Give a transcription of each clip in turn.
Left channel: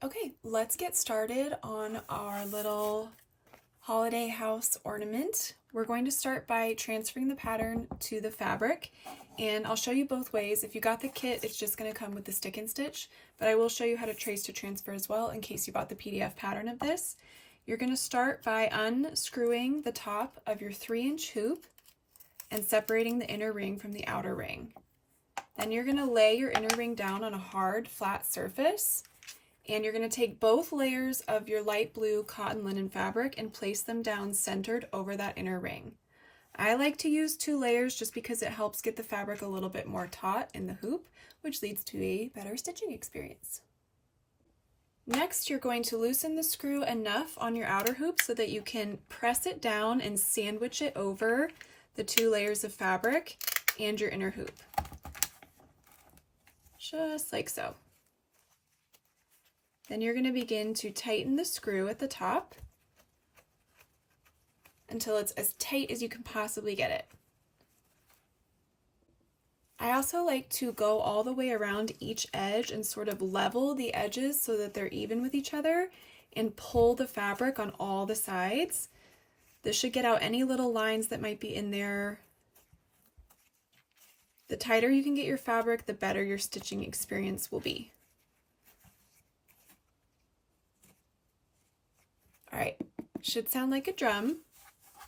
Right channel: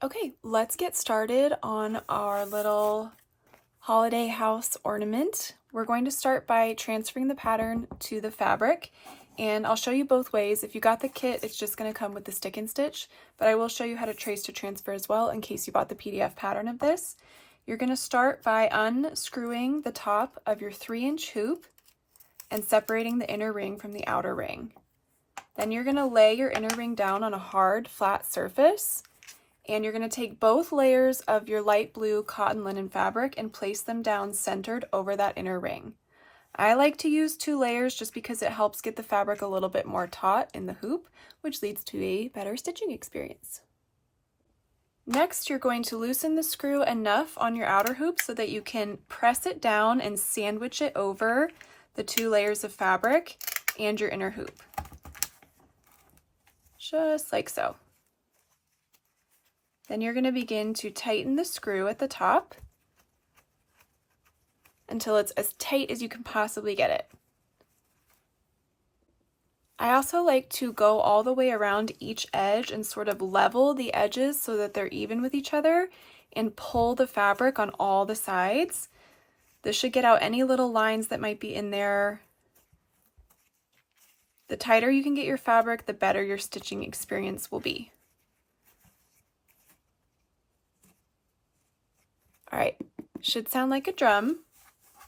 Okay, let's get started on our little holiday house ornament. We're going to start by transferring the pattern to the fabric, and I'll show you both ways. If you got the kit, it's just going to come with the stick and stitch, but I will show you how to trace to transfer as well in case you bought the PDF pattern of this. You're going to start by unscrewing the top of your 3-inch hoop and separating the inner ring from the outer ring. Then you're going to lay your inner ring down on a hard, flat surface. And you're going to take both layers of your light blue cotton linen fabric and place them down centered over that inner ring. I like to use 2 layers just because it helps get the fabric a little bit more taut in the hoop, which leads to a better stitching experience. Next, you're going to loosen the screw enough on your outer hoop so that you can press it down and sandwich it over the 2 layers of fabric and your inner hoop. Just like so. Then you're going to begin to tighten the screw at the top until it's as tight as you can possibly get it. I also like to go all the way around each edge and sort of level the edges so that they're even with each other and pull the fabric on all the sides. This should get out any little lines that might be in there. The tighter you can get your fabric, the better your stitching experience will be. All right, should sound like a drum.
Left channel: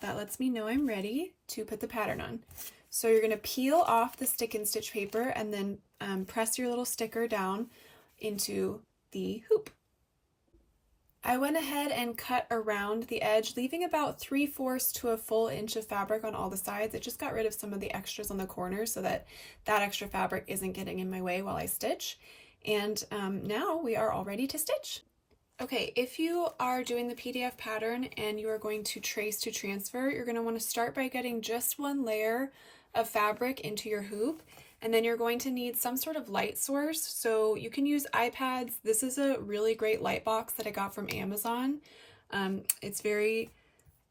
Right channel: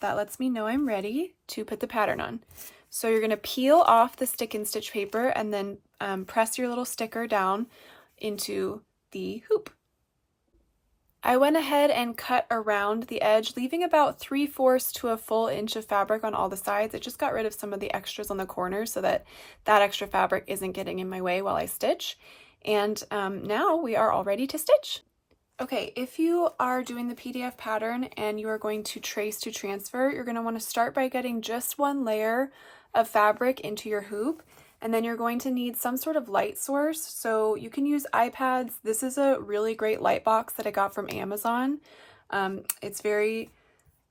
That lets me know I'm ready to put the pattern on. So you're going to peel off the stick and stitch paper and then press your little sticker down into the hoop. I went ahead and cut around the edge, leaving about 3/4 to a full inch of fabric on all the sides. It just got rid of some of the extras on the corners so that that extra fabric isn't getting in my way while I stitch. And now we are all ready to stitch. Okay, if you are doing the PDF pattern and you are going to trace to transfer, you're going to want to start by getting just 1 layer of fabric into your hoop, and then you're going to need some sort of light source. So you can use iPads. This is a really great light box that I got from Amazon. It's very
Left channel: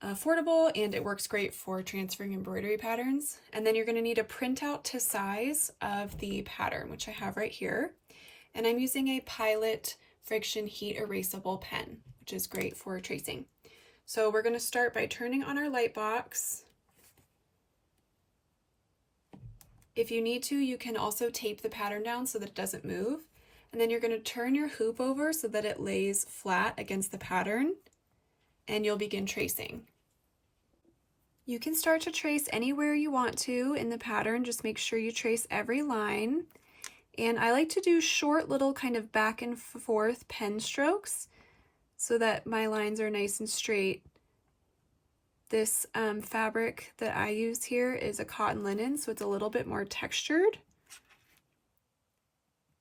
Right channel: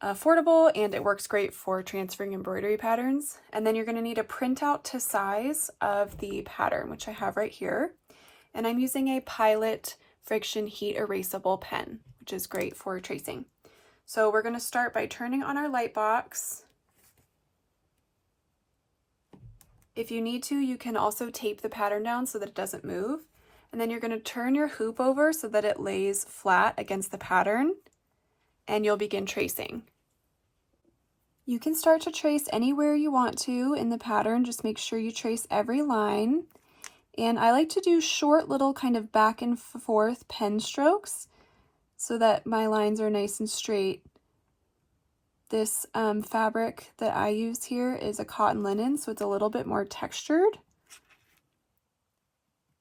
affordable and it works great for transferring embroidery patterns. And then you're going to need a printout to size of the pattern, which I have right here. And I'm using a Pilot friction heat erasable pen, which is great for tracing. So we're going to start by turning on our light box. If you need to, you can also tape the pattern down so that it doesn't move. And then you're going to turn your hoop over so that it lays flat against the pattern, and you'll begin tracing. You can start to trace anywhere you want to in the pattern. Just make sure you trace every line. And I like to do short little kind of back and forth pen strokes so that my lines are nice and straight. This fabric that I use here is a cotton linen, so it's a little bit more textured.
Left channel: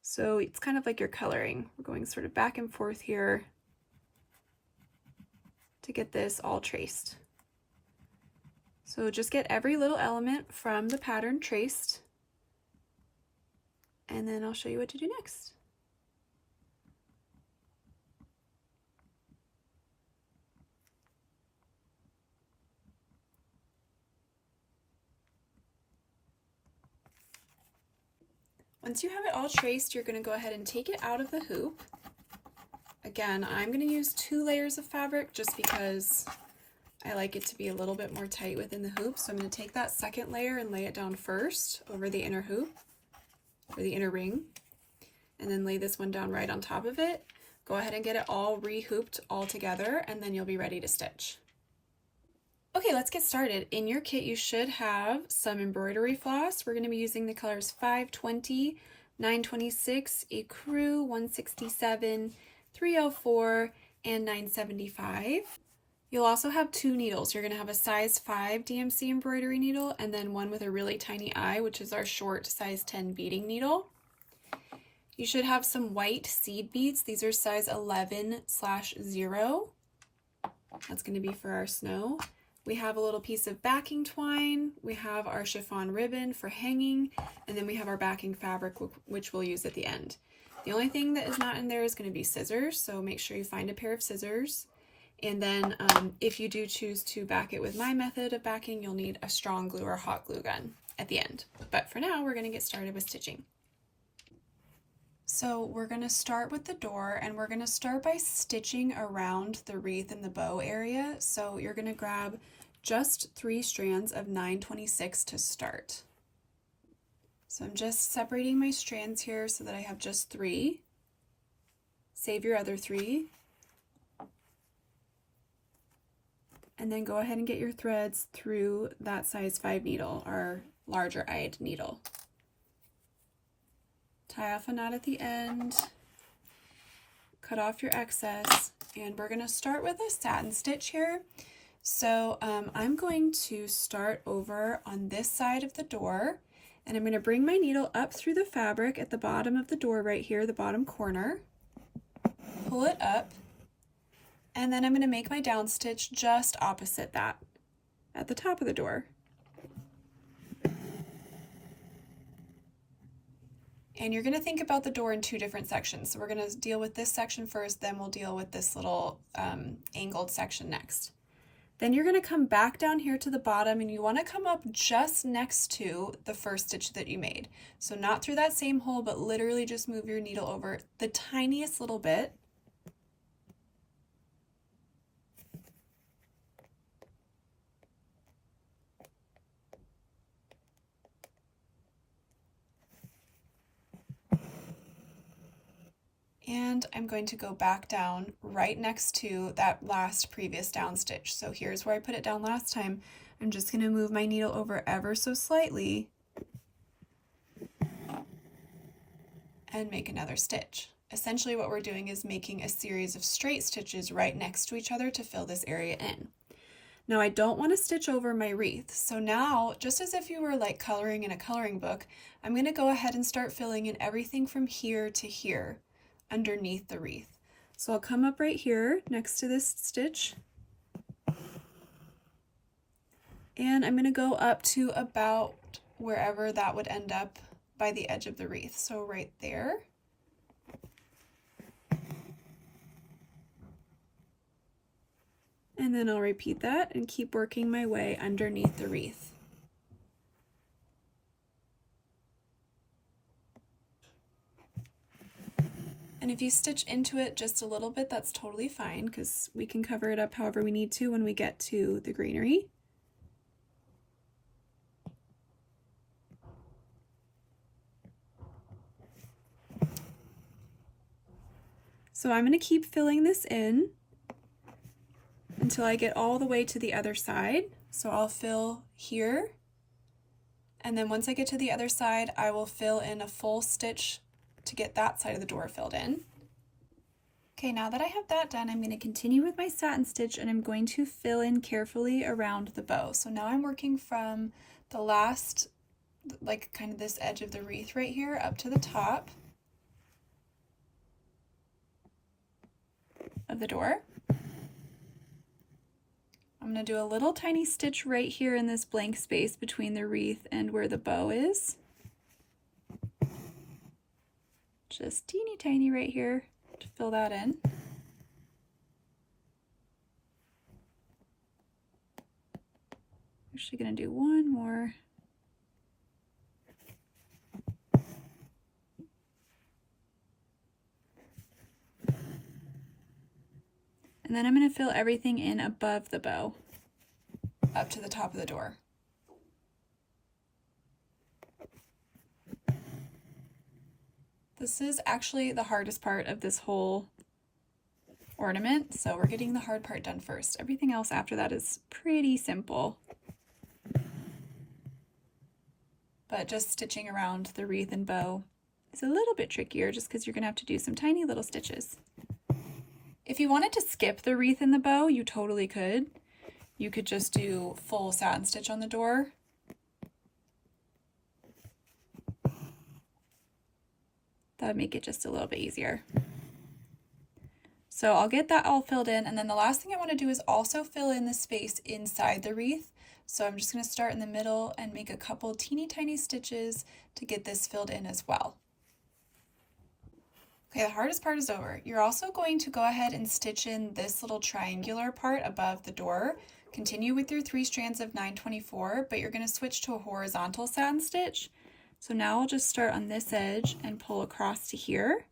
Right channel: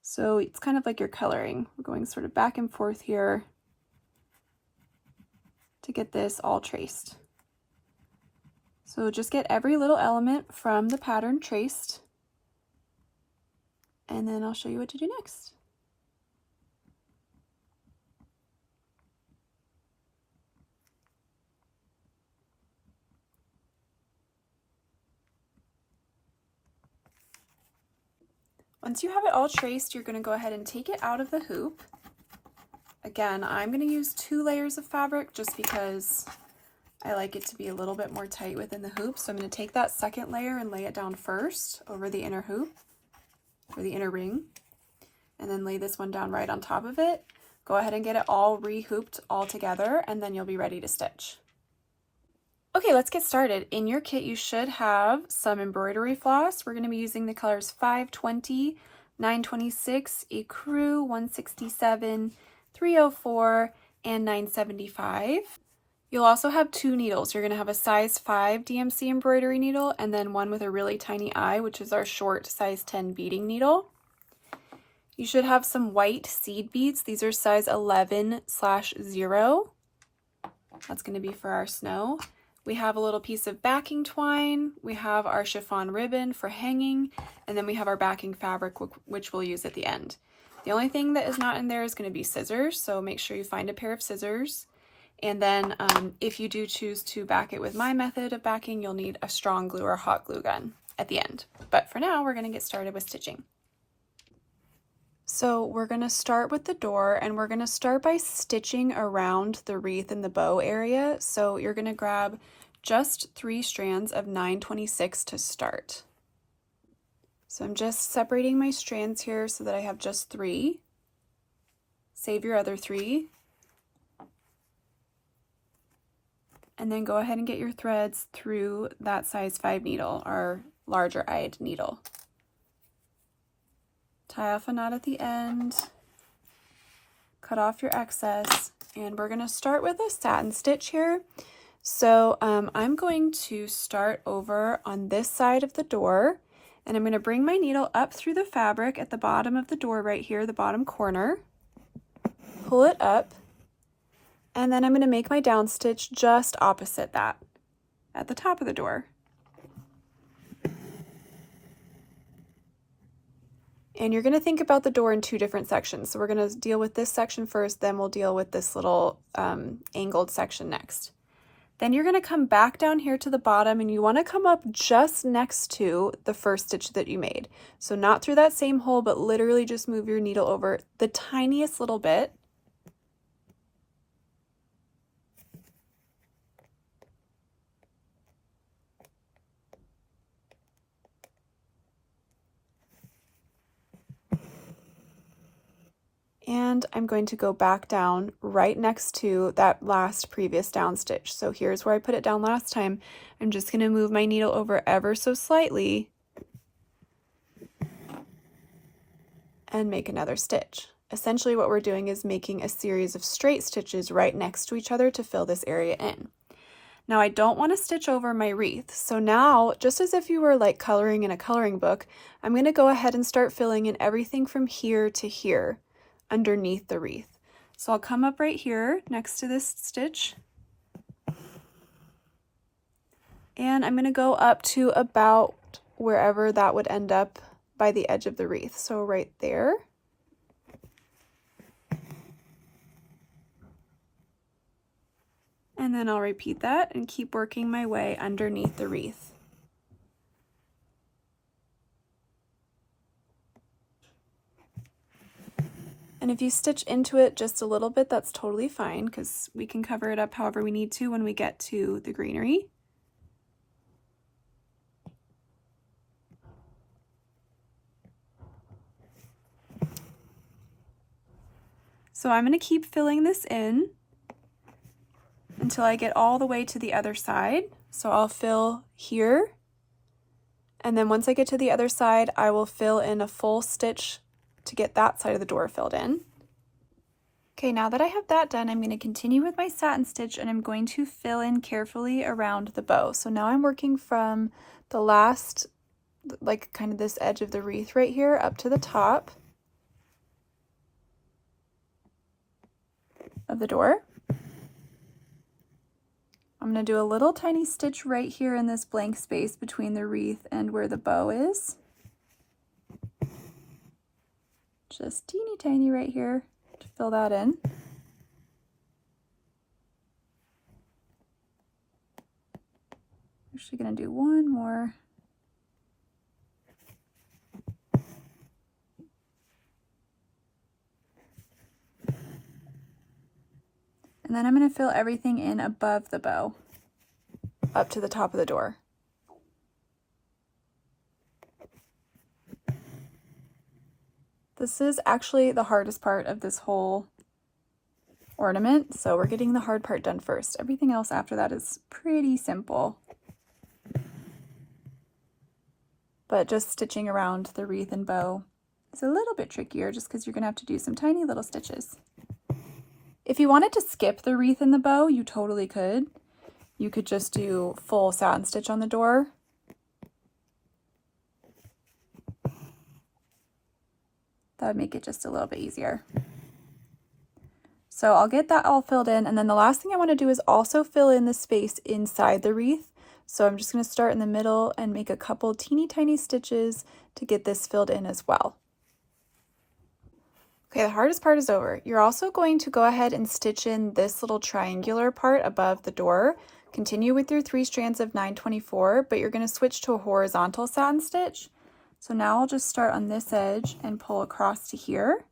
So it's kind of like you're coloring. We're going sort of back and forth here to get this all traced. So just get every little element from the pattern traced. And then I'll show you what to do next. Once you have it all traced, you're going to go ahead and take it out of the hoop. Again, I'm going to use 2 layers of fabric just because I like it to be a little bit more tight within the hoop. So I'm going to take that second layer and lay it down first over the inner hoop, or the inner ring, and then lay this one down right on top of it. Go ahead and get it all re-hooped all together, and then you'll be ready to stitch. Okay, let's get started. In your kit, you should have some embroidery floss. We're going to be using the colors 520, 926, Ecru, 167, 304, and 975. You'll also have 2 needles. You're going to have a size 5 DMC embroidery needle and then one with a really tiny eye, which is our short size 10 beading needle. You should have some white seed beads. These are size 11/0. That's going to be for our snow. We have a little piece of backing twine. We have our chiffon ribbon for hanging, and then we have our backing fabric, which we'll use at the end. The only thing that is not in there is going to be scissors, so make sure you find a pair of scissors. And then if you do choose to back it with my method of backing, you'll need a strong glue or hot glue gun at the end. But for now, we're going to get started with stitching. So we're going to start with the door, and we're going to start by stitching around the wreath and the bow area. So you're going to grab just 3 strands of 926 to start. So I'm just separating my strands here so that I have just 3. Save your other 3. And then go ahead and get your threads through that size 5 needle, our larger eyed needle. Tie off a knot at the end, cut off your excess, and we're going to start with a satin stitch here. So I'm going to start over on this side of the door, and I'm going to bring my needle up through the fabric at the bottom of the door right here, the bottom corner, pull it up, and then I'm going to make my down stitch just opposite that at the top of the door. And you're going to think about the door in 2 different sections. So we're going to deal with this section first, then we'll deal with this little angled section next. Then you're going to come back down here to the bottom, and you want to come up just next to the first stitch that you made. So not through that same hole, but literally just move your needle over the tiniest little bit. And I'm going to go back down right next to that last previous down stitch. So here's where I put it down last time. I'm just going to move my needle over ever so slightly and make another stitch. Essentially what we're doing is making a series of straight stitches right next to each other to fill this area in. Now I don't want to stitch over my wreath, so now, just as if you were like coloring in a coloring book, I'm going to go ahead and start filling in everything from here to here underneath the wreath. So I'll come up right here next to this stitch, and I'm going to go up to about wherever that would end up by the edge of the wreath. So right there. And then I'll repeat that and keep working my way underneath the wreath. And if you stitch into it just a little bit, that's totally fine, because we can cover it up however we need to when we get to the greenery. So I'm going to keep filling this in until I get all the way to the other side. So I'll fill here, and then once I get to the other side, I will fill in a full stitch to get that side of the door filled in. Okay, now that I have that done, I'm going to continue with my satin stitch, and I'm going to fill in carefully around the bow. So now I'm working from the last, like kind of this edge of the wreath right here up to the top of the door. I'm going to do a little tiny stitch right here in this blank space between the wreath and where the bow is. Just teeny tiny right here to fill that in. Actually going to do one more. And then I'm going to fill everything in above the bow, up to the top of the door. This is actually the hardest part of this whole ornament, so we're getting the hard part done first. Everything else after that is pretty simple. But just stitching around the wreath and bow is a little bit trickier, just because you're going to have to do some tiny little stitches. If you wanted to skip the wreath and the bow, you totally could. You could just do full satin stitch on the door. That would make it just a little bit easier. So I'll get that all filled in, and then the last thing I want to do is also fill in the space inside the wreath. So I'm just going to start in the middle and make a couple teeny tiny stitches to get this filled in as well. Okay, the hardest part is over. You're also going to go ahead and stitch in this little triangular part above the door. Continue with your 3 strands of 924, but you're going to switch to a horizontal satin stitch. So now I'll just start on this edge and pull across to here.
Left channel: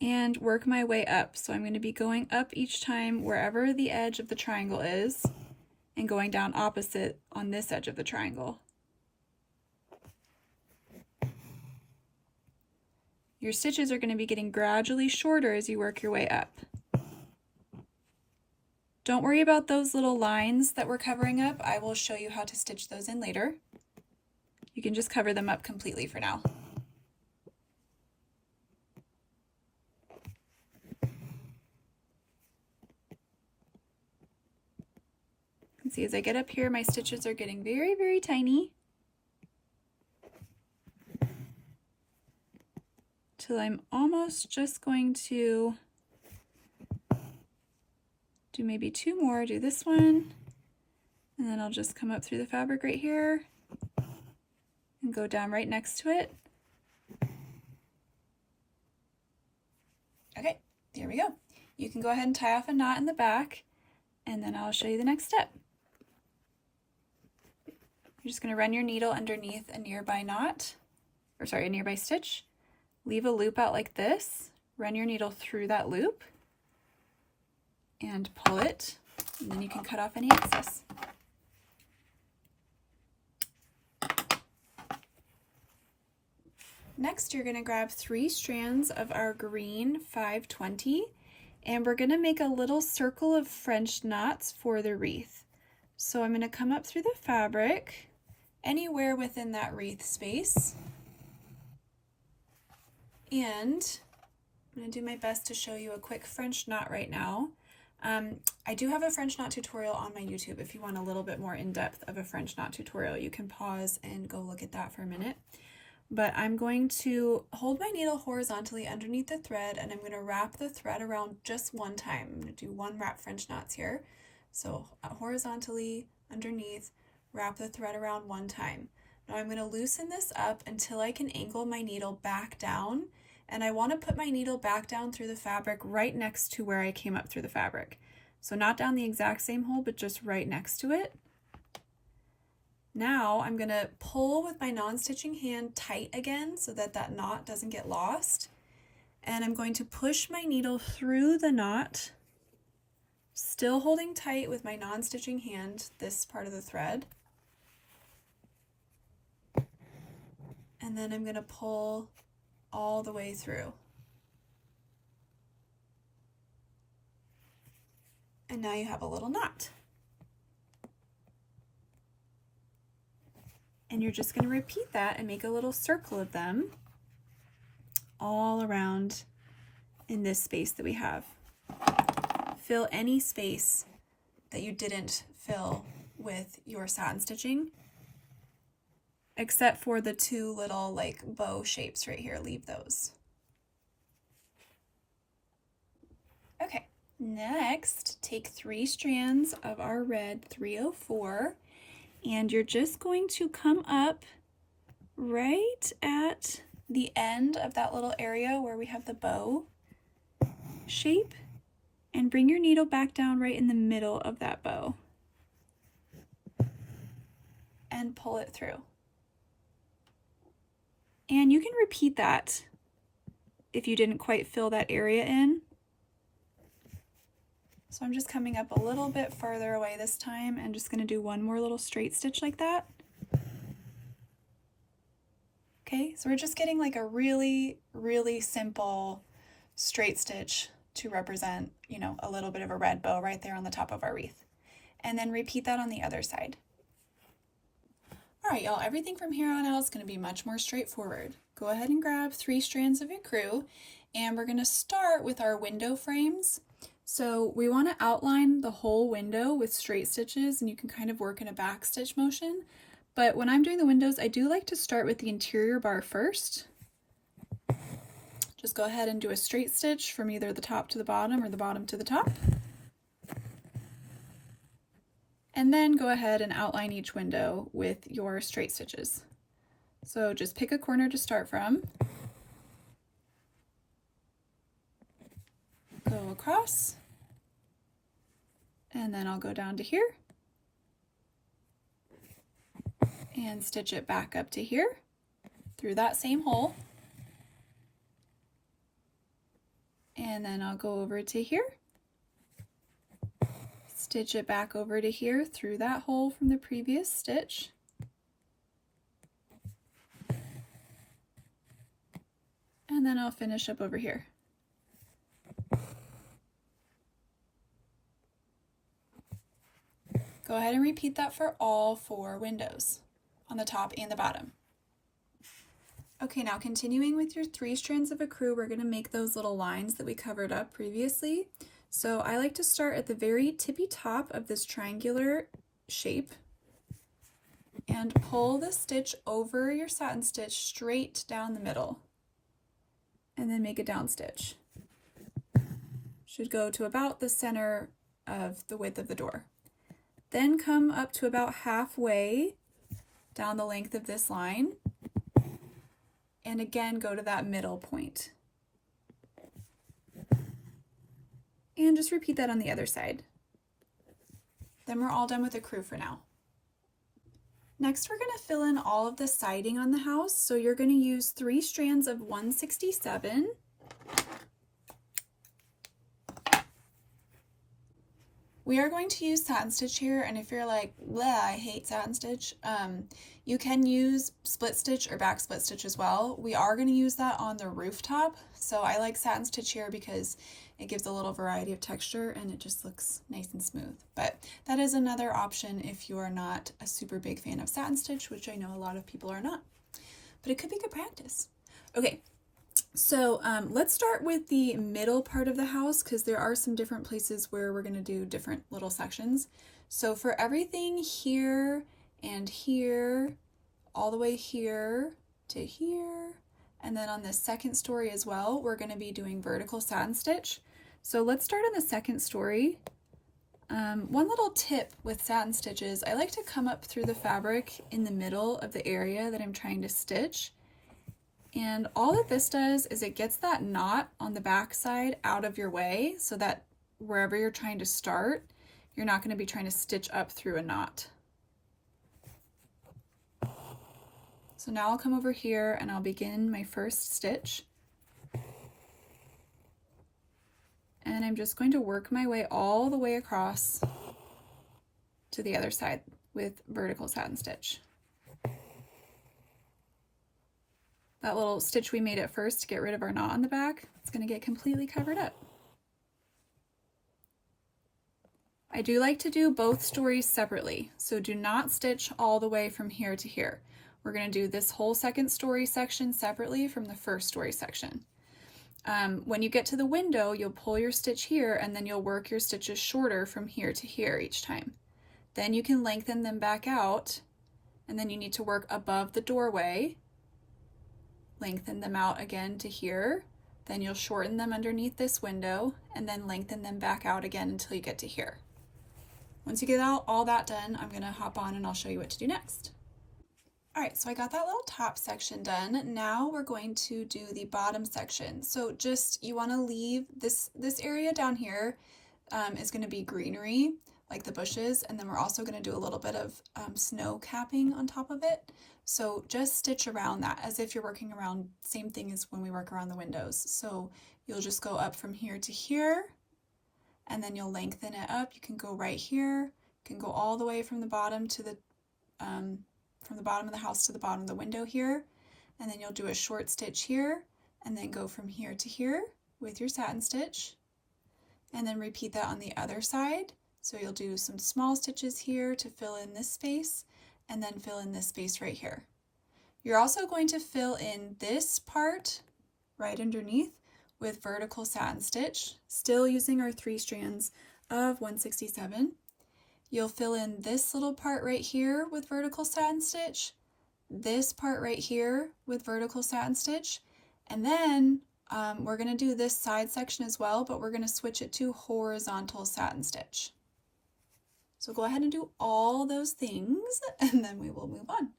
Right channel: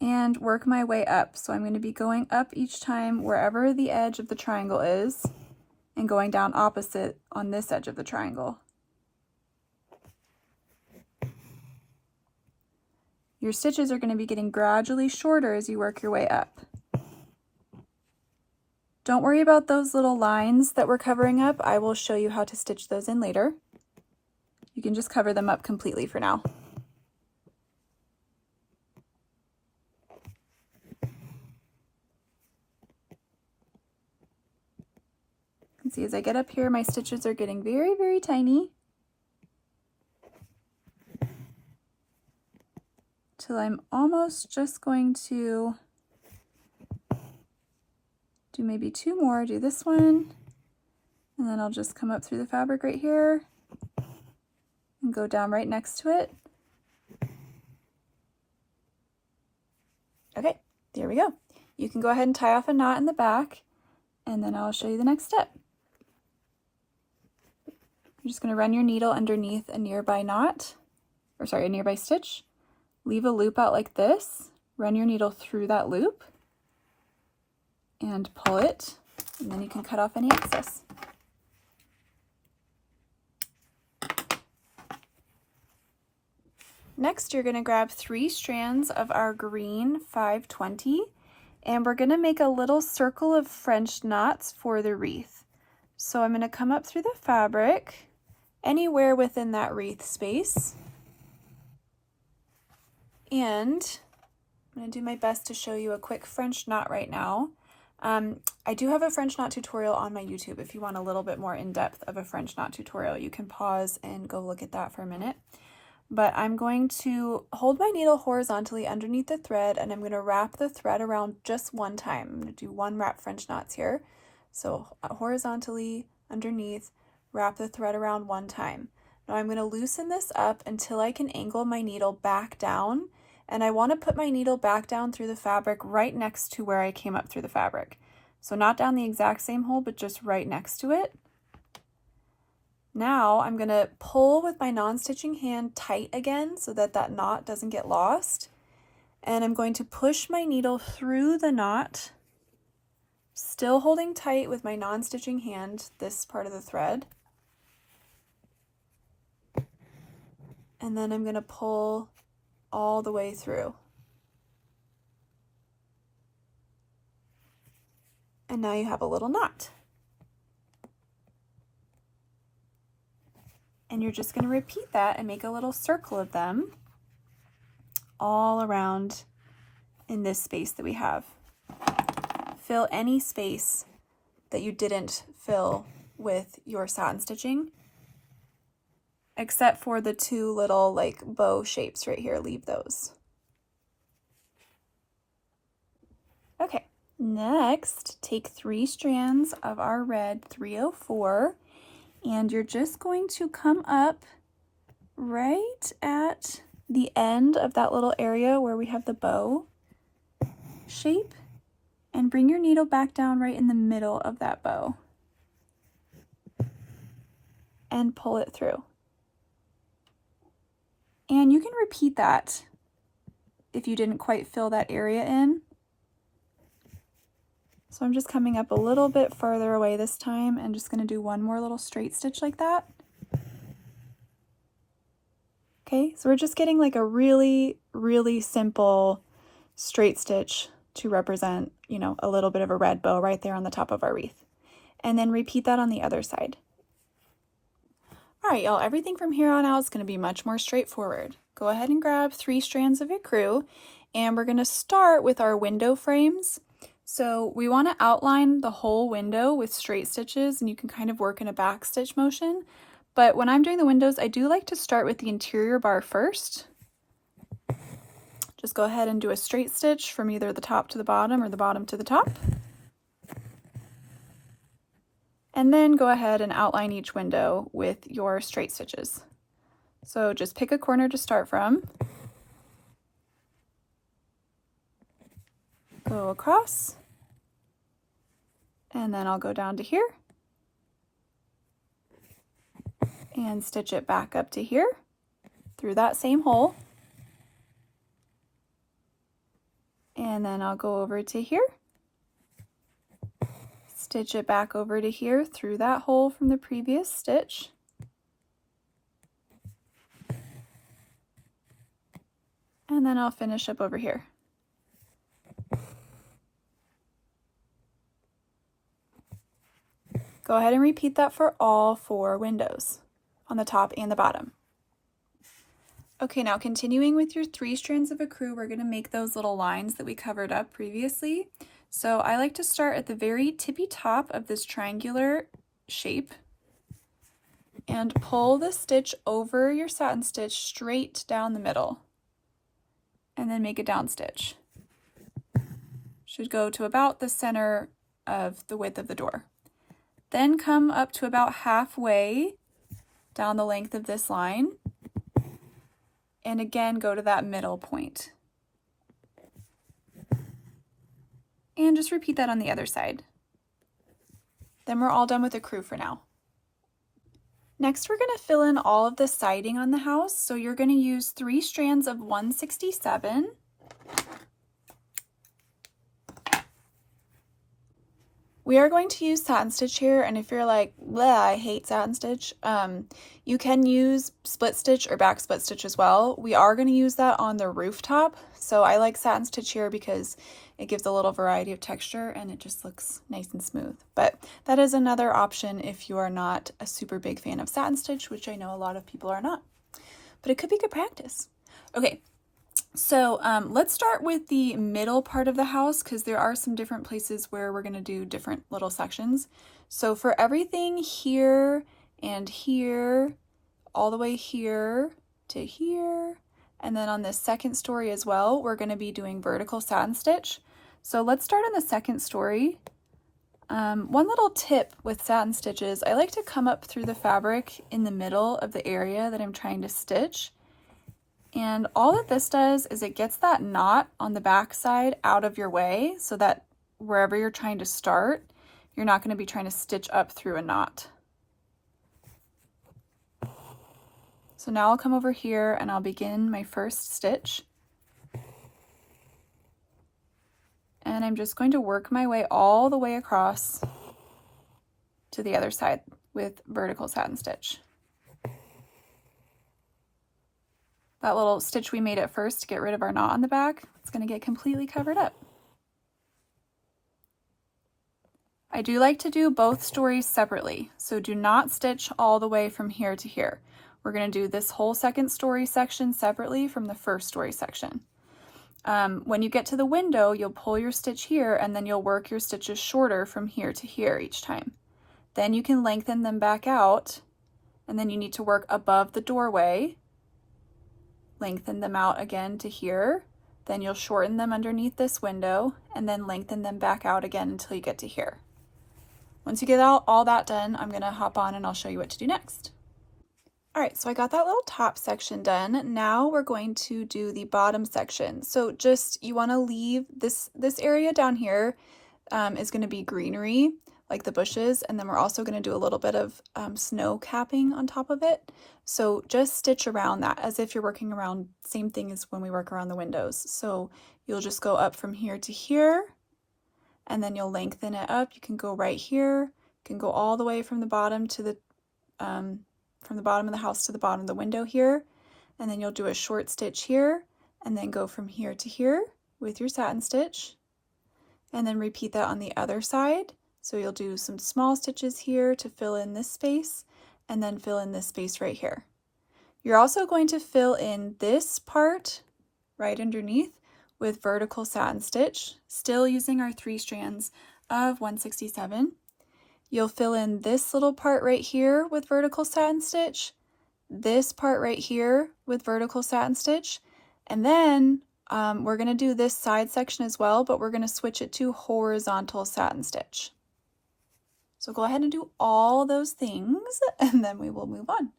And work my way up. So I'm going to be going up each time wherever the edge of the triangle is and going down opposite on this edge of the triangle. Your stitches are going to be getting gradually shorter as you work your way up. Don't worry about those little lines that we're covering up. I will show you how to stitch those in later. You can just cover them up completely for now. You can see as I get up here, my stitches are getting very, very tiny. Till I'm almost just going to do maybe 2 more, do this one, and then I'll just come up through the fabric right here and go down right next to it. Okay, there we go. You can go ahead and tie off a knot in the back, and then I'll show you the next step. You're just going to run your needle underneath a nearby knot, or sorry, a nearby stitch. Leave a loop out like this, run your needle through that loop, and pull it, and then you can cut off any excess. Next, you're going to grab 3 strands of our green 520, and we're going to make a little circle of French knots for the wreath. So I'm going to come up through the fabric, anywhere within that wreath space, and I'm going to do my best to show you a quick French knot right now. I do have a French knot tutorial on my YouTube. If you want a little bit more in-depth of a French knot tutorial, you can pause and go look at that for a minute. But I'm going to hold my needle horizontally underneath the thread, and I'm going to wrap the thread around just one time. I'm going to do 1 wrap French knots here. So horizontally underneath, wrap the thread around 1 time. Now I'm going to loosen this up until I can angle my needle back down, and I want to put my needle back down through the fabric right next to where I came up through the fabric. So not down the exact same hole, but just right next to it. Now I'm going to pull with my non-stitching hand tight again so that that knot doesn't get lost. And I'm going to push my needle through the knot, still holding tight with my non-stitching hand, this part of the thread. And then I'm going to pull all the way through. And now you have a little knot. And you're just going to repeat that and make a little circle of them all around in this space that we have. Fill any space that you didn't fill with your satin stitching, except for the 2 little like bow shapes right here. Leave those. Okay, next take 3 strands of our red 304, and you're just going to come up right at the end of that little area where we have the bow shape, and bring your needle back down right in the middle of that bow and pull it through. And you can repeat that if you didn't quite fill that area in. So I'm just coming up a little bit farther away this time and just going to do 1 more little straight stitch like that. Okay, so we're just getting like a really, really simple straight stitch to represent, you know, a little bit of a red bow right there on the top of our wreath. And then repeat that on the other side. All right, y'all, everything from here on out is going to be much more straightforward. Go ahead and grab 3 strands of ecru, and we're going to start with our window frames. So we want to outline the whole window with straight stitches, and you can kind of work in a back stitch motion. But when I'm doing the windows, I do like to start with the interior bar first. Just go ahead and do a straight stitch from either the top to the bottom or the bottom to the top. And then go ahead and outline each window with your straight stitches. So just pick a corner to start from. Go across. And then I'll go down to here. and stitch it back up to here through that same hole. And then I'll go over to here, stitch it back over to here through that hole from the previous stitch. And then I'll finish up over here. Go ahead and repeat that for all 4 windows on the top and the bottom. Okay, now continuing with your 3 strands of ecru, we're going to make those little lines that we covered up previously. So I like to start at the very tippy top of this triangular shape and pull the stitch over your satin stitch straight down the middle, and then make a down stitch. Should go to about the center of the width of the door. Then come up to about halfway down the length of this line, and again go to that middle point. And just repeat that on the other side. Then we're all done with the ecru for now. Next, we're going to fill in all of the siding on the house. So you're going to use 3 strands of 167. We are going to use satin stitch here, and if you're like, bleh, I hate satin stitch, you can use split stitch or back split stitch as well. We are going to use that on the rooftop, so I like satin stitch here because it gives a little variety of texture and it just looks nice and smooth. But that is another option if you are not a super big fan of satin stitch, which I know a lot of people are not, but it could be good practice. Okay. So let's start with the middle part of the house because there are some different places where we're going to do different little sections. So for everything here and here, all the way here to here, and then on this second story as well, we're going to be doing vertical satin stitch. So let's start on the second story. One little tip with satin stitches, I like to come up through the fabric in the middle of the area that I'm trying to stitch. And all that this does is it gets that knot on the back side out of your way so that wherever you're trying to start, you're not going to be trying to stitch up through a knot. So now I'll come over here and I'll begin my first stitch. And I'm just going to work my way all the way across to the other side with vertical satin stitch. That little stitch we made at first to get rid of our knot on the back, it's going to get completely covered up. I do like to do both stories separately, so do not stitch all the way from here to here. We're going to do this whole second story section separately from the first story section. When you get to the window, you'll pull your stitch here and then you'll work your stitches shorter from here to here each time. Then you can lengthen them back out, and then you need to work above the doorway. Lengthen them out again to here, then you'll shorten them underneath this window and then lengthen them back out again until you get to here. Once you get all that done, I'm going to hop on and I'll show you what to do next. All right, so I got that little top section done. Now we're going to do the bottom section. So just, you want to leave this area down here is going to be greenery, like the bushes, and then we're also going to do a little bit of snow capping on top of it. So just stitch around that as if you're working around, same thing as when we work around the windows. So you'll just go up from here to here, and then you'll lengthen it up. You can go right here, you can go all the way from the bottom to the from the bottom of the house to the bottom of the window here, and then you'll do a short stitch here, and then go from here to here with your satin stitch, and then repeat that on the other side. So you'll do some small stitches here to fill in this space, and then fill in this space right here. You're also going to fill in this part right underneath with vertical satin stitch, still using our 3 strands of 167. You'll fill in this little part right here with vertical satin stitch, this part right here with vertical satin stitch, and then we're going to do this side section as well, but we're going to switch it to horizontal satin stitch. So go ahead and do all those things and then we will move on.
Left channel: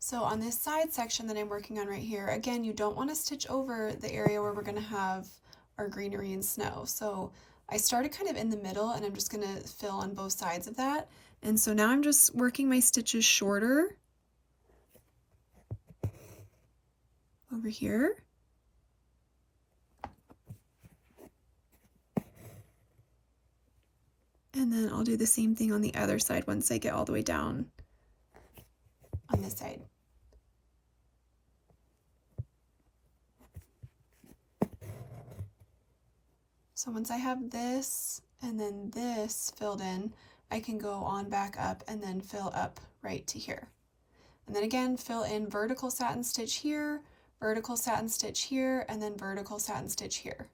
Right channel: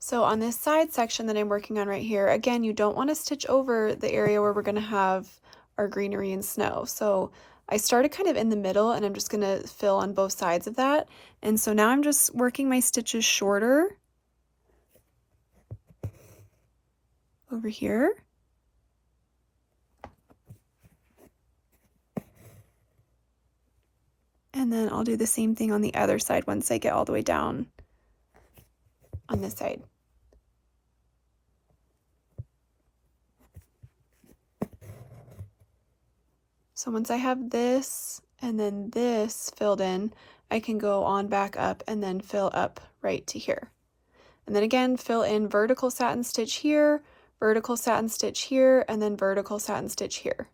So on this side section that I'm working on right here, again, you don't want to stitch over the area where we're going to have our greenery and snow. So I started kind of in the middle and I'm just going to fill on both sides of that. And so now I'm just working my stitches shorter over here. And then I'll do the same thing on the other side once I get all the way down on this side. So once I have this and then this filled in, I can go on back up and then fill up right to here. And then again, fill in vertical satin stitch here, vertical satin stitch here, and then vertical satin stitch here.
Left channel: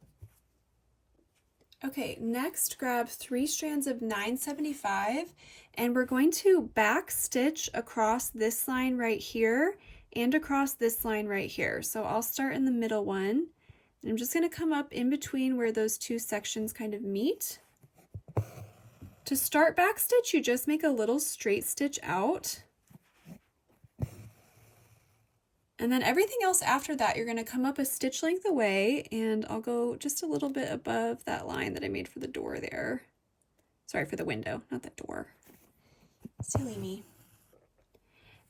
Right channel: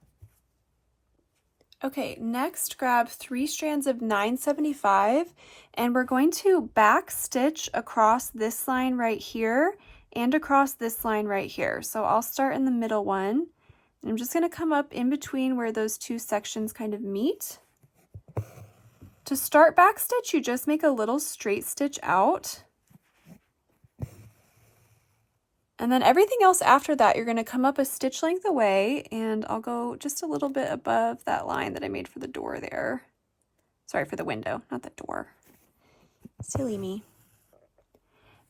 Okay, next grab 3 strands of 975 and we're going to back stitch across this line right here and across this line right here. So I'll start in the middle one and I'm just going to come up in between where those two sections kind of meet. To start back stitch, you just make a little straight stitch out. And then everything else after that, you're going to come up a stitch length away, and I'll go just a little bit above that line that I made for the door there. Sorry, for the window, not the door. Silly me.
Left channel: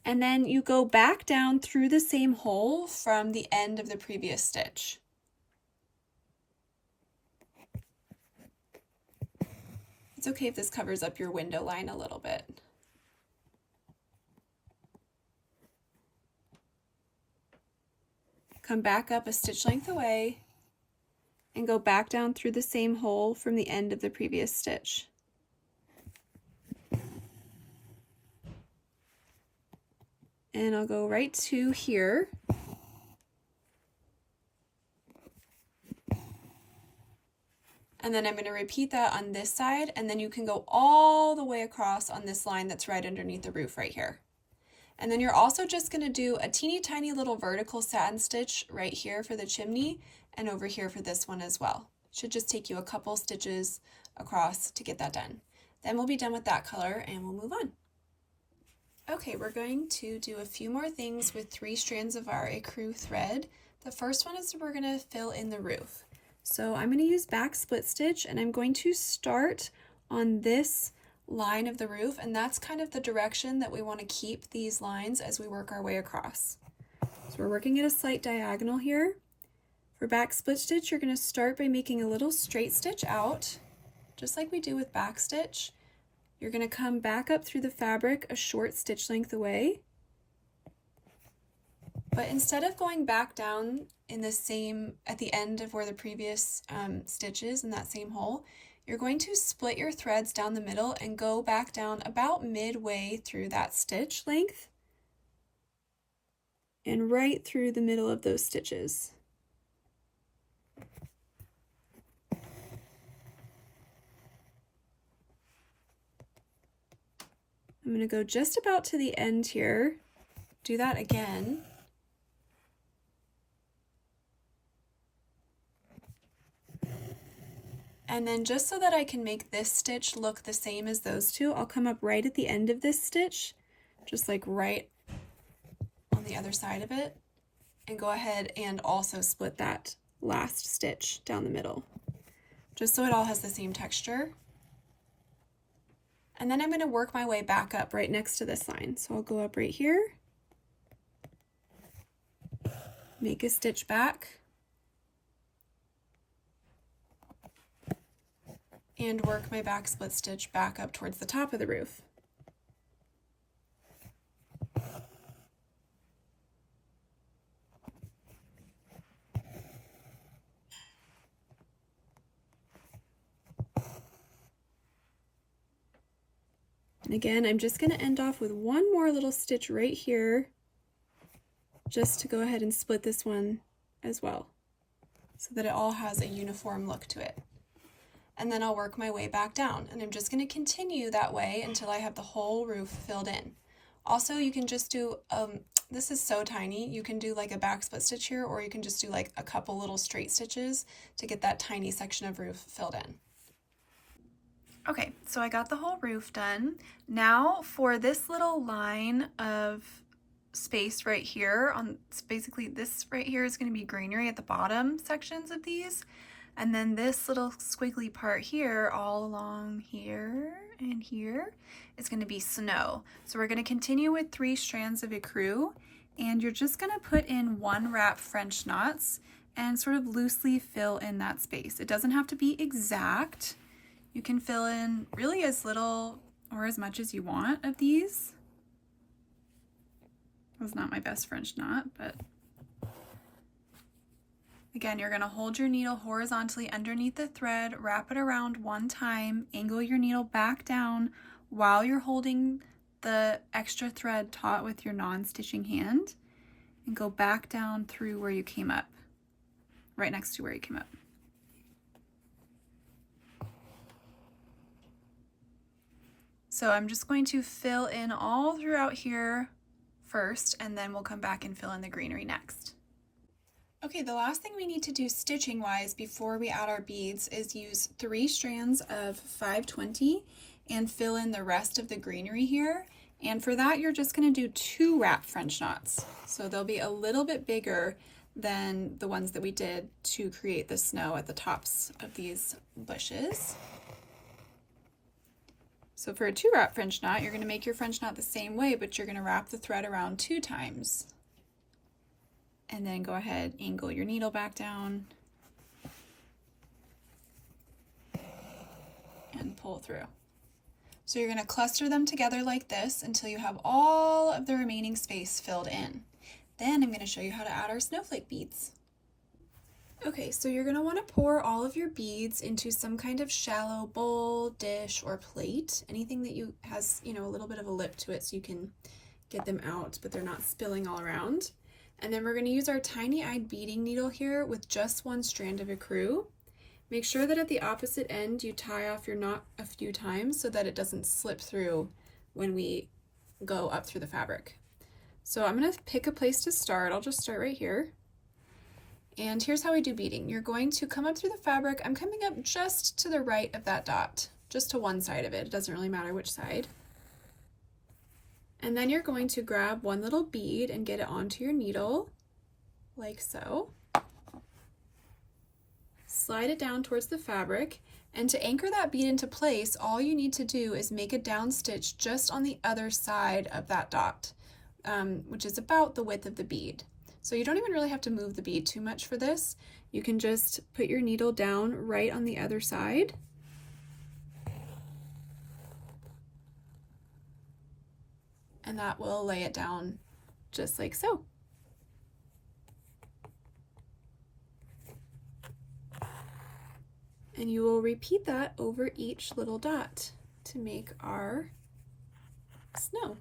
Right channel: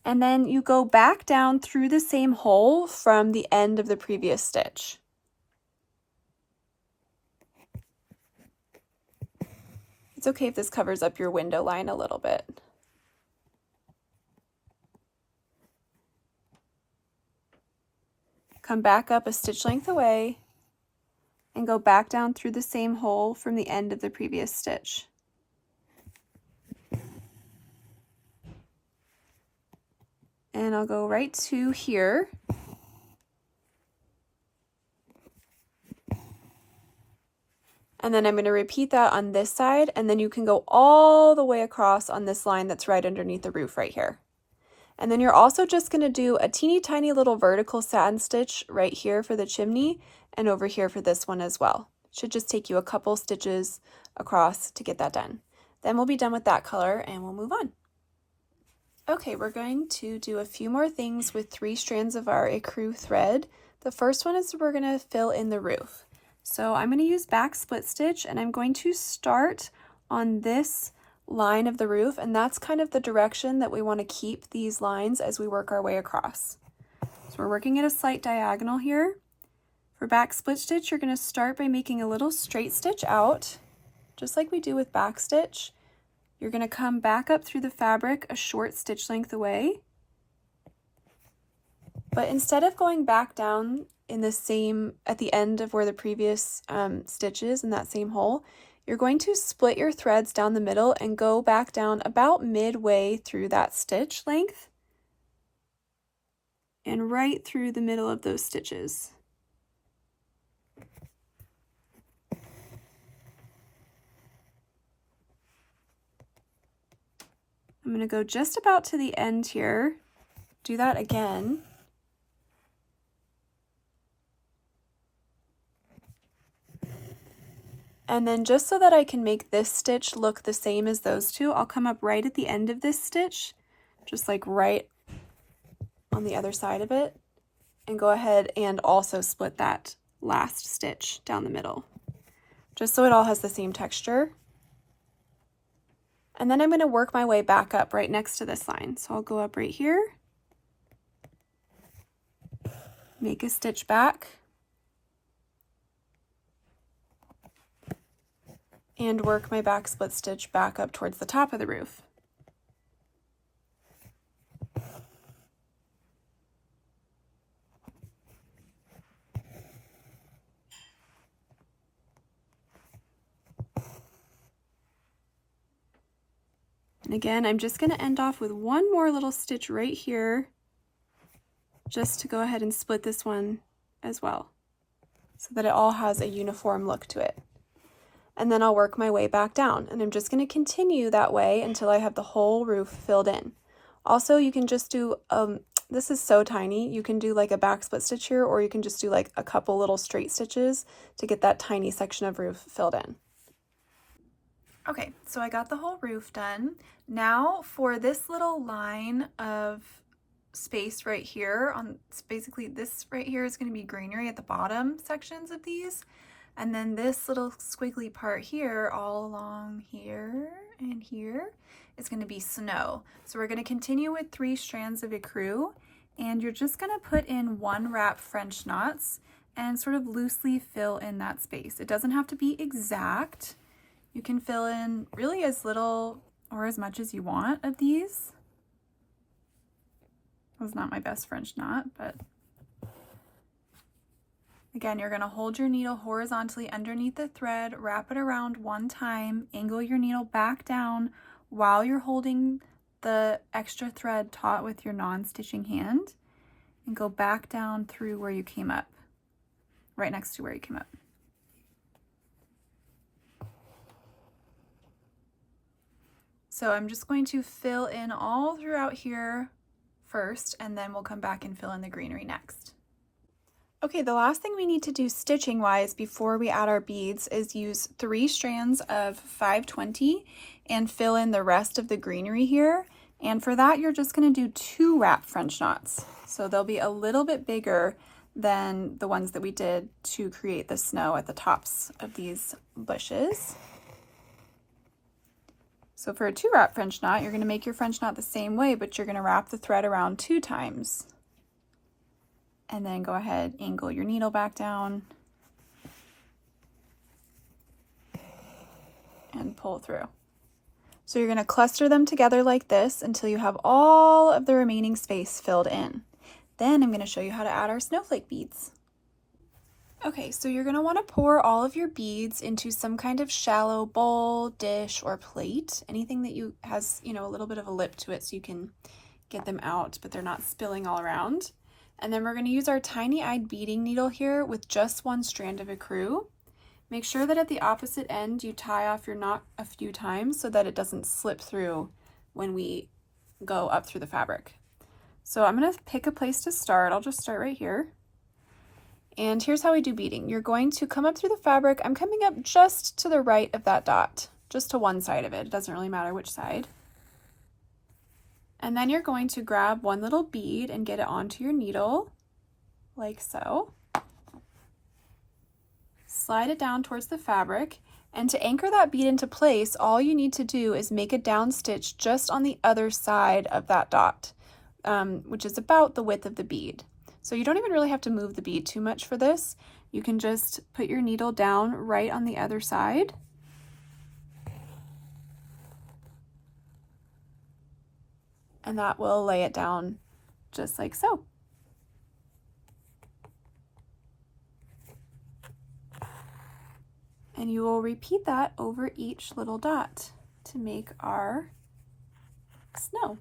And then you go back down through the same hole from the end of the previous stitch. It's okay if this covers up your window line a little bit. Come back up a stitch length away and go back down through the same hole from the end of the previous stitch. And I'll go right to here. And then I'm going to repeat that on this side, and then you can go all the way across on this line that's right underneath the roof right here. And then you're also just going to do a teeny tiny little vertical satin stitch right here for the chimney and over here for this one as well. Should just take you a couple stitches across to get that done. Then we'll be done with that color and we'll move on. Okay, we're going to do a few more things with 3 strands of our ecru thread. The first one is we're going to fill in the roof. So I'm going to use back split stitch and I'm going to start on this line of the roof, and that's kind of the direction that we want to keep these lines as we work our way across. So we're working at a slight diagonal here. For back split stitch, you're going to start by making a little straight stitch out, just like we do with back stitch. You're going to come back up through the fabric a short stitch length away. But instead of going back down in the same, at the end of where the previous stitch is in that same hole, you're going to split your threads down the middle and go back down about midway through that stitch length and right through the middle of those stitches. I'm going to go just about to the end here, do that again. And then just so that I can make this stitch look the same as those two, I'll come up right at the end of this stitch, just like right on the other side of it, and go ahead and also split that last stitch down the middle, just so it all has the same texture. And then I'm going to work my way back up right next to this line. So I'll go up right here, make a stitch back, and work my back split stitch back up towards the top of the roof. And again, I'm just going to end off with one more little stitch right here, just to go ahead and split this one as well, so that it all has a uniform look to it. And then I'll work my way back down, and I'm just going to continue that way until I have the whole roof filled in. Also, you can just do, this is so tiny, you can do like a back split stitch here, or you can just do like a couple little straight stitches to get that tiny section of roof filled in. Okay, so I got the whole roof done. Now for this little line of space right here, basically this right here is going to be greenery at the bottom sections of these. And then this little squiggly part here, all along here and here, is going to be snow. So we're going to continue with 3 strands of ecru, and you're just going to put in 1 wrap French knots and sort of loosely fill in that space. It doesn't have to be exact. You can fill in really as little or as much as you want of these. That was not my best French knot, but again, you're going to hold your needle horizontally underneath the thread, wrap it around 1 time, angle your needle back down while you're holding the extra thread taut with your non-stitching hand, and go back down through where you came up, right next to where you came up. So I'm just going to fill in all throughout here first, and then we'll come back and fill in the greenery next. Okay, the last thing we need to do stitching wise before we add our beads is use 3 strands of 520 and fill in the rest of the greenery here. And for that, you're just going to do 2 wrap French knots. So they'll be a little bit bigger than the ones that we did to create the snow at the tops of these bushes. So for a 2 wrap French knot, you're going to make your French knot the same way, but you're going to wrap the thread around 2 times. And then go ahead, angle your needle back down and pull through. So you're going to cluster them together like this until you have all of the remaining space filled in. Then I'm going to show you how to add our snowflake beads. Okay, so you're going to want to pour all of your beads into some kind of shallow bowl, dish, or plate. Anything that has, a little bit of a lip to it so you can get them out, but they're not spilling all around. And then we're going to use our tiny-eyed beading needle here with just 1 strand of ecru. Make sure that at the opposite end you tie off your knot a few times so that it doesn't slip through when we go up through the fabric. So I'm going to pick a place to start. I'll just start right here. And here's how we do beading. You're going to come up through the fabric. I'm coming up just to the right of that dot, just to one side of it. It doesn't really matter which side. And then you're going to grab 1 little bead and get it onto your needle, like so. Slide it down towards the fabric, and to anchor that bead into place, all you need to do is make a down stitch just on the other side of that dot, which is about the width of the bead. So you don't even really have to move the bead too much for this. You can just put your needle down right on the other side. And that will lay it down just like so. And you will repeat that over each little dot to make our snow.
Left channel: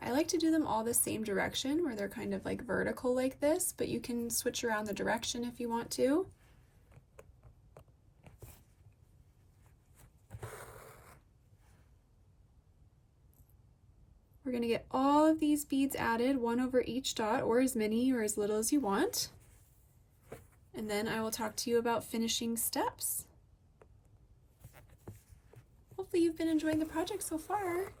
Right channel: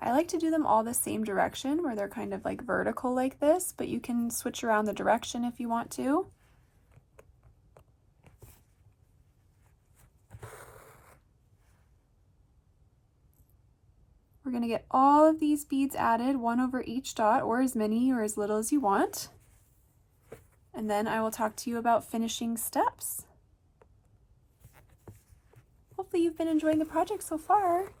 I like to do them all the same direction where they're kind of like vertical like this, but you can switch around the direction if you want to. We're going to get all of these beads added, 1 over each dot, or as many or as little as you want. And then I will talk to you about finishing steps. Hopefully you've been enjoying the project so far.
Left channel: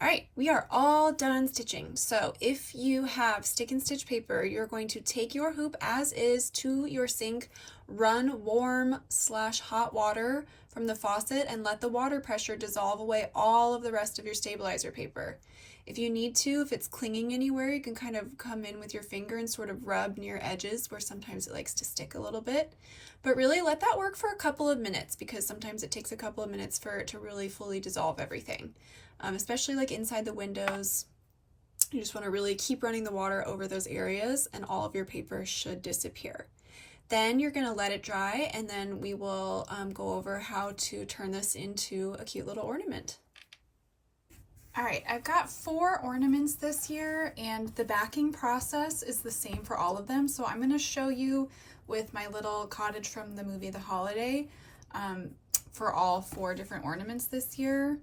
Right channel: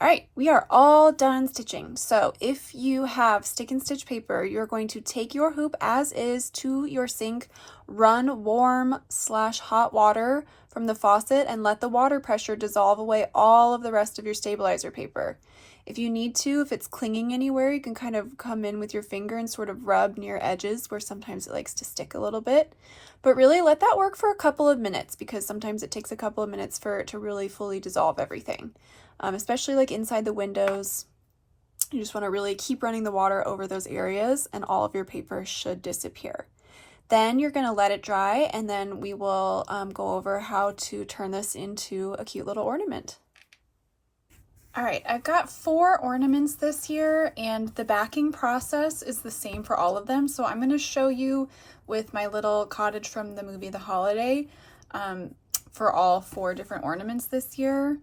All right, we are all done stitching. So if you have stick and stitch paper, you're going to take your hoop as is to your sink, run warm/hot water from the faucet, and let the water pressure dissolve away all of the rest of your stabilizer paper. If you need to, if it's clinging anywhere, you can kind of come in with your finger and sort of rub near edges where sometimes it likes to stick a little bit. But really let that work for a couple of minutes, because sometimes it takes a couple of minutes for it to really fully dissolve everything. Especially like inside the windows, you just want to really keep running the water over those areas and all of your paper should disappear. Then you're going to let it dry, and then we will go over how to turn this into a cute little ornament. All right, I've got 4 ornaments this year, and the backing process is the same for all of them. So I'm going to show you with my little cottage from the movie The Holiday for all 4 different ornaments this year,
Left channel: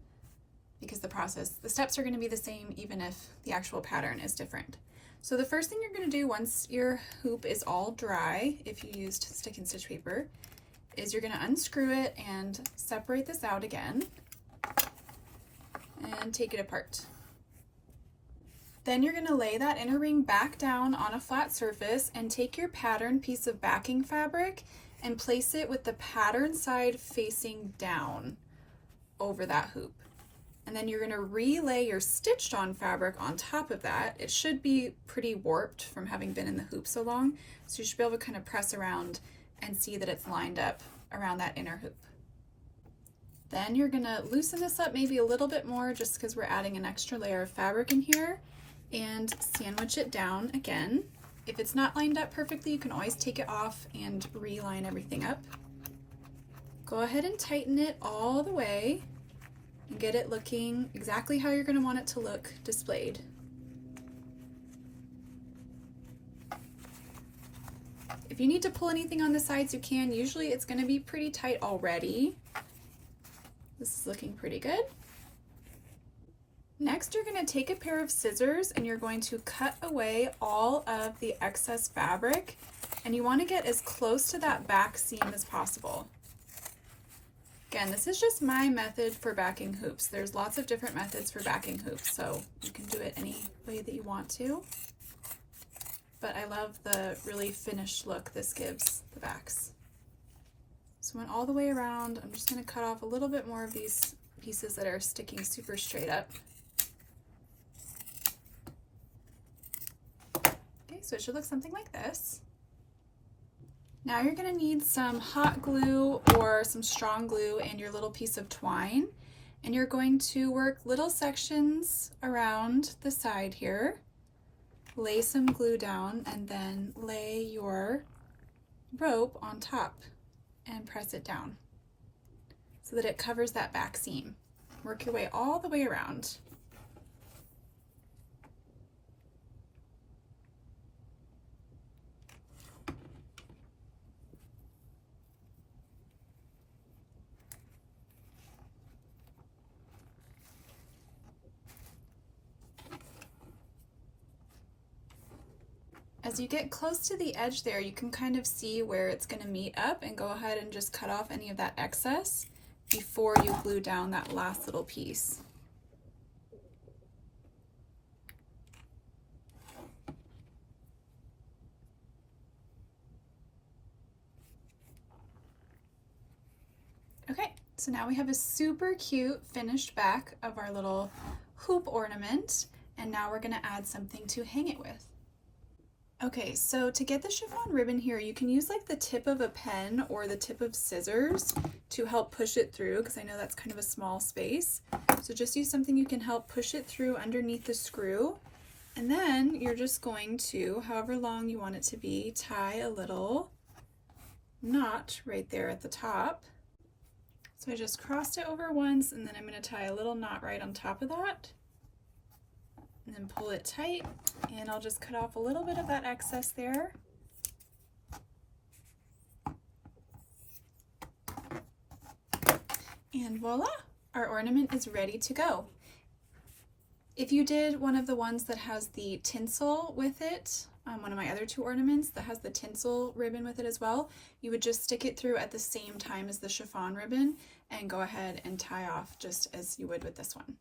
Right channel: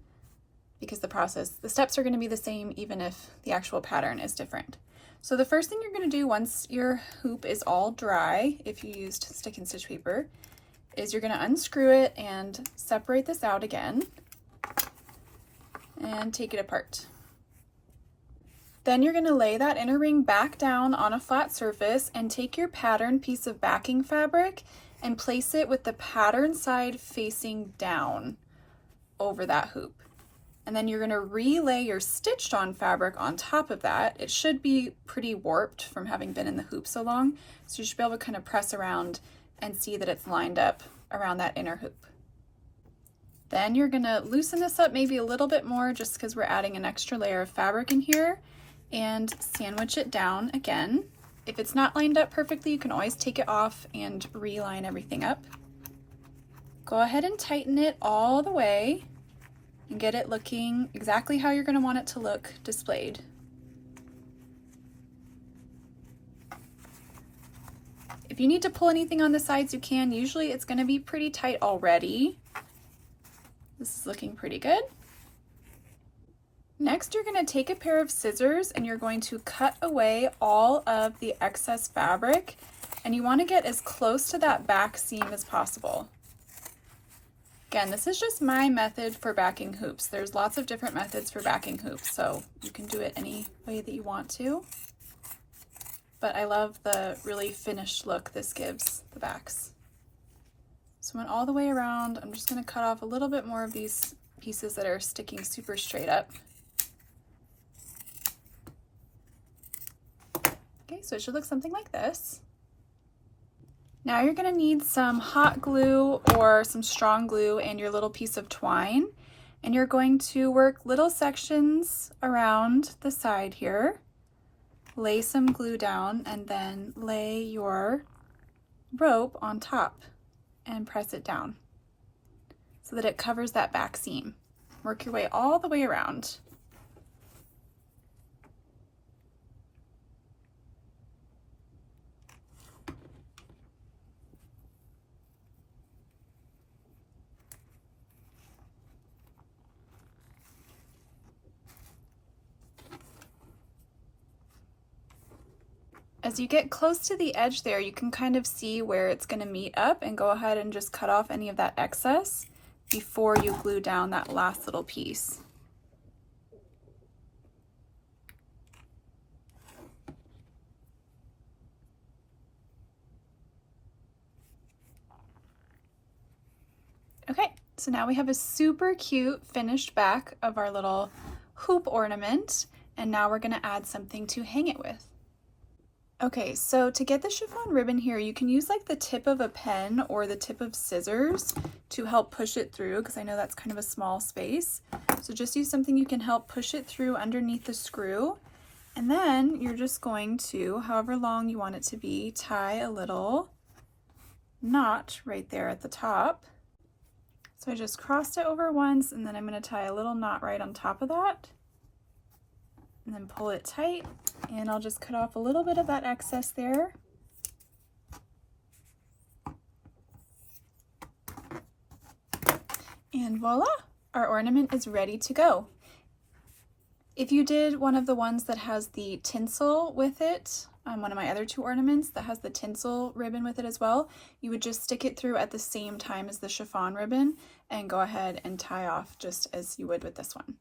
because the steps are going to be the same even if the actual pattern is different. So the first thing you're going to do once your hoop is all dry, if you used stick and stitch paper, is you're going to unscrew it and separate this out again and take it apart. Then you're going to lay that inner ring back down on a flat surface and take your pattern piece of backing fabric and place it with the pattern side facing down over that hoop. And then you're going to relay your stitched on fabric on top of that. It should be pretty warped from having been in the hoop so long, so you should be able to kind of press around and see that it's lined up around that inner hoop. Then you're going to loosen this up maybe a little bit more just because we're adding an extra layer of fabric in here, and sandwich it down again. If it's not lined up perfectly, you can always take it off and reline everything up. Go ahead and tighten it all the way and get it looking exactly how you're going to want it to look displayed. If you need to pull anything on the sides, you can. Usually it's going to be pretty tight already. This is looking pretty good. Next, you're going to take a pair of scissors and you're going to cut away all of the excess fabric, and you want to get as close to that back seam as possible. Again, this is just my method for backing hoops. There's lots of different methods for backing hoops, so you can do it any way that you want to. But I love the really finished look this gives the backs. So I went all the way around. I'm just going to cut off a little bit more of these pieces that are sticking super straight up. Okay, so it should look something like this. Now you're going to need some hot glue or some strong glue and your little piece of twine, and you're going to work little sections around the side here, lay some glue down, and then lay your rope on top and press it down so that it covers that back seam. Work your way all the way around. As you get close to the edge there, you can kind of see where it's going to meet up, and go ahead and just cut off any of that excess before you glue down that last little piece. Okay, so now we have a super cute finished back of our little hoop ornament, and now we're going to add something to hang it with. Okay, so to get the chiffon ribbon here, you can use like the tip of a pen or the tip of scissors to help push it through, because I know that's kind of a small space. So just use something you can help push it through underneath the screw. And then you're just going to, however long you want it to be, tie a little knot right there at the top. So I just crossed it over once, and then I'm going to tie a little knot right on top of that. And then pull it tight, and I'll just cut off a little bit of that excess there. And voila, our ornament is ready to go. If you did one of the ones that has the tinsel with it, one of my other two ornaments that has the tinsel ribbon with it as well, you would just stick it through at the same time as the chiffon ribbon and go ahead and tie off just as you would with this one.